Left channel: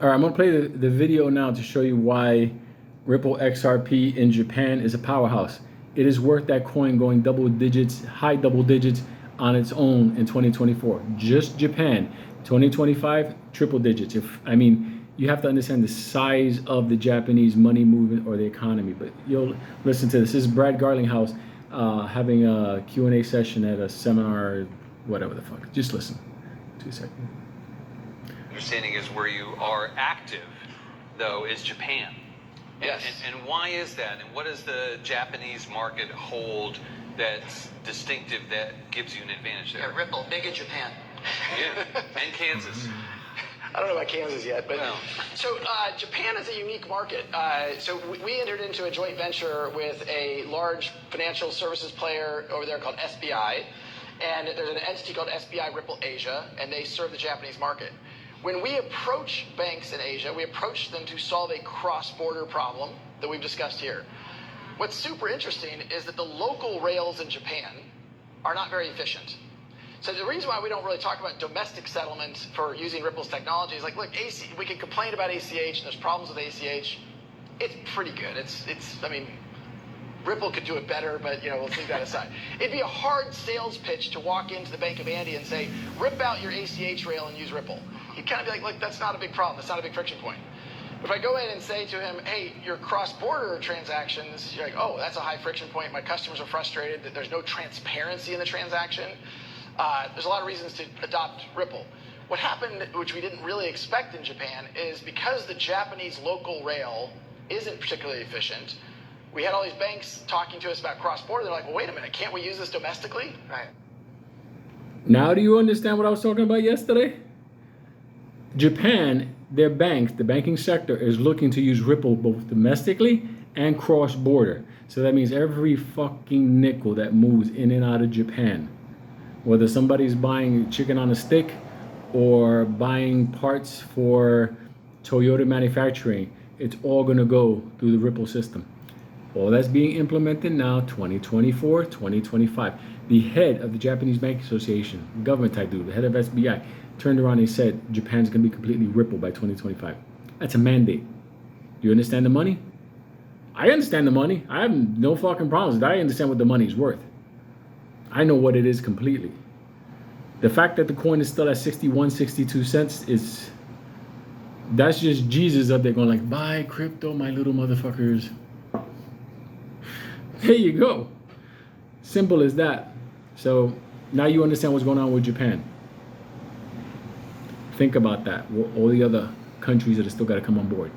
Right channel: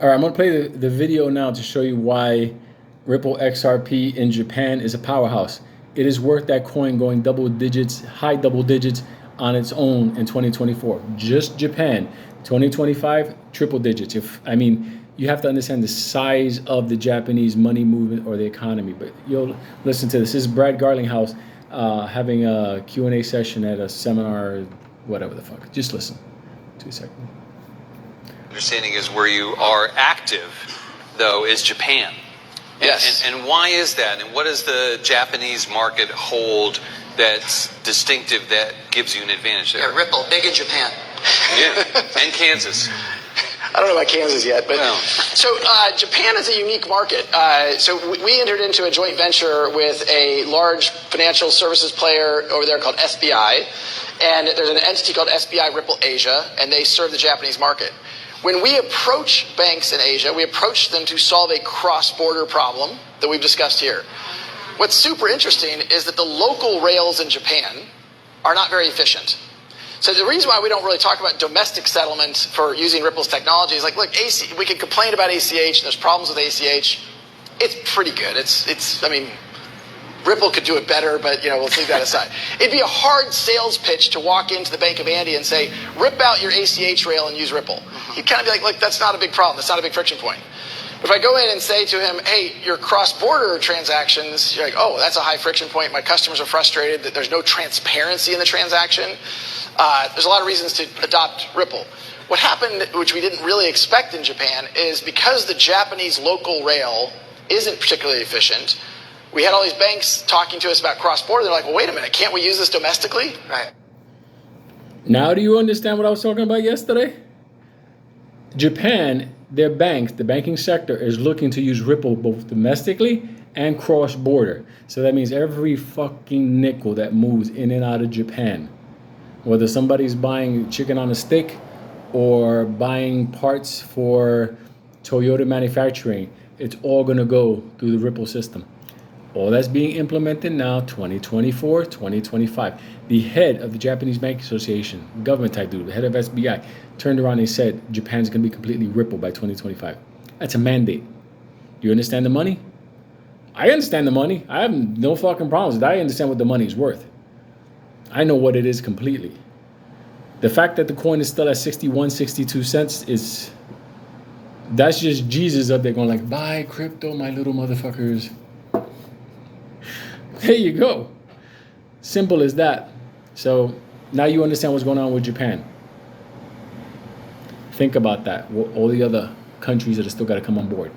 All right, I'm going to play the video now to show you why Ripple XRP in Japan is a powerhouse. It is worth that coin going double digits, high double digits on its own in 2024. Just Japan. 2025, triple digits. You have to understand the size of the Japanese money movement or the economy. But you'll listen to this. This is Brad Garlinghouse having a Q&A session at a seminar, whatever the fuck. Just listen. 2 seconds. Understanding is where you are active, though, is Japan. Yes. And why is that? And what does the Japanese market hold that's distinctive that gives you an advantage there? Yeah, Ripple, big in Japan. Yeah, and Kansas. I don't know about Kansas yet, but well. So Japan is a unique market. So we entered into a joint venture with a large financial services player over there called SBI, and there's an entity called SBI Ripple Asia, and they serve the Japanese market. When we approach banks in Asia, we approach them to solve a cross-border problem that we've discussed here. What's super interesting is that the local rails in Japan are not very efficient. So the reason why we don't really talk about domestic settlements for using Ripple's technology is like, look, we can complain about ACH, and there's problems with ACH. It's pretty good. Ripple could do it better, but we'll leave that aside. It'd be a hard sales pitch to walk into the Bank of Andy and say, rip out your ACH rail and use Ripple. He'd kind of be like, look, that's not a big problem. That's not a big friction point. If I go in and say to him, hey, your cross-border transactions, you're like, oh, that's a high friction point. My customers are frustrated that there's no transparency in the transaction. There's a lot of reasons to adopt Ripple. What happened, which we didn't really expect in Japan, is because the Japanese local rail isn't particularly efficient, we had all these banks talking to us about cross-border. They're like, well, wait a minute, can't we use this domestically? Right. Now do you understand what I was talking about yesterday? Japan, their banks, the banking sector, is looking to use Ripple both domestically and cross-border. So that means every fucking nickel that moves in and out of Japan, whether somebody's buying chicken on a stick or buying parts for Toyota manufacturing, it's all going to go through the Ripple system. All that's being implemented now, 2024, 2025. The head of the Japanese Bank Association, government type dude, the head of SBI, turned around and said Japan's going to be completely Ripple by 2025. That's a mandate. Do you understand the money? I understand the money. I have no fucking problems with it. I understand what the money is worth. I know what it is completely. The fact that the coin is still at 61, 62 cents that's just Jesus up there going like, buy crypto, my little motherfuckers. There you go. Simple as that. So now you understand what's going on with Japan. Think about that. All the other countries that are still got to come on board.